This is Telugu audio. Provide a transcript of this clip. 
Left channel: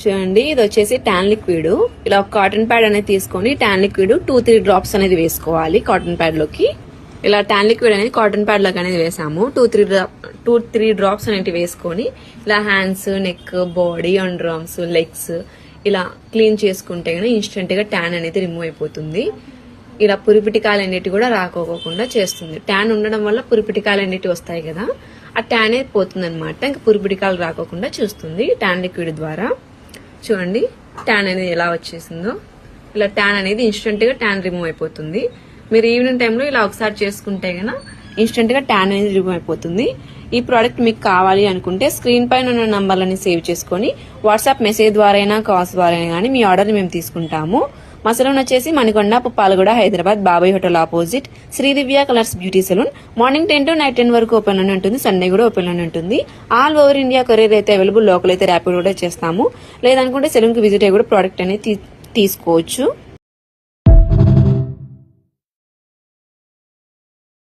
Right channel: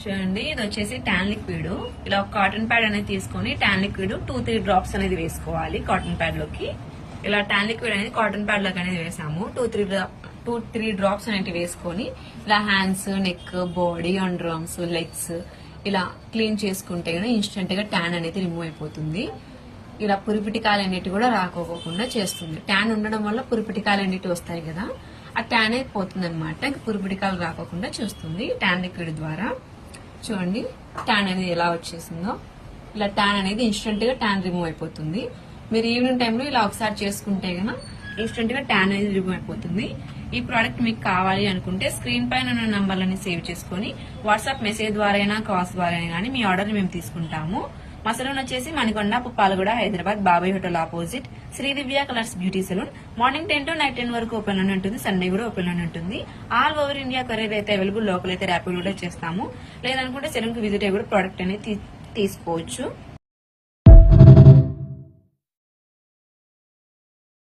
చూడండి, ఇది వచ్చేసి ట్యాన్ లిక్విడ్. ఇలా ఒక కాటన్ ప్యాడ్ అనేది తీసుకొని ట్యాన్ లిక్విడ్ 2-3 డ్రాప్స్ అనేది వేసుకోవాలి కాటన్ ప్యాడ్ లోకి. ఇలా ట్యాన్ లిక్విడ్ అనేది కాటన్ ప్యాడ్ లోకి అనేది వేసాము. 2-3 డ్రాప్స్ అనేవి వేసుకొని ఇలా hands, neck, body, under arms, legs ఇలా క్లీన్ చేసుకుంటే ఇన్స్టెంట్ గా ట్యాన్ అనేది రిమూవ్ అయిపోతుంది. ఇలా పురిపిటికాయలు అన్నిటి కూడా రాకోకుండా చేస్తుంది. ట్యాన్ ఉండడం వల్ల పురిపిటికాయలు అన్నిటి వస్తాయి కదా, ఆ ట్యాన్ అనేది పోతుంది అనమాట. ఇంకా పురిపిటికాయలు రాకోకుండా చూస్తుంది ట్యాన్ లిక్విడ్ ద్వారా. చూడండి ట్యాన్ అనేది ఎలా వచ్చేసిందో. ఇలా ట్యాన్ అనేది ఇన్స్టెంట్ గా ట్యాన్ రిమూవ్ అయిపోతుంది. మీరు ఈవినింగ్ టైంలో ఇలా ఒకసారి చేసుకుంటే గన ఇన్స్టెంట్ గా ట్యాన్ అనేది రిమూవ్ అయిపోతుంది. ఈ ప్రోడక్ట్ మీకు కావాలి అనుకుంటే స్క్రీన్ పైన ఉన్న నంబర్లని సేవ్ చేసుకుని వాట్సాప్ మెసేజ్ ద్వారా అయినా, కాల్స్ ద్వారా అయినా కానీ మీ ఆర్డర్ మేము తీసుకుంటాము. మా సెలూన్ వచ్చేసి Manikonda, Puppalaguda, Hyderabad, Babai hotel opposite Shri Divya colours beauty salon. Morning 10 to night 10 వరకు ఓపెన్ లోనే ఉంటుంది. సండే కూడా ఓపెన్ లోనే ఉంటుంది. ఆల్ ఓవర్ ఇండియా కొరియర్ అయితే అవైలబుల్. లోకల్ అయితే ర్యాపిడ్ కూడా చేస్తాము. లేదనుకుంటే సెలూన్ కి విజిట్ అయ్యి కూడా ప్రోడక్ట్ అనేది తీసుకోవచ్చు.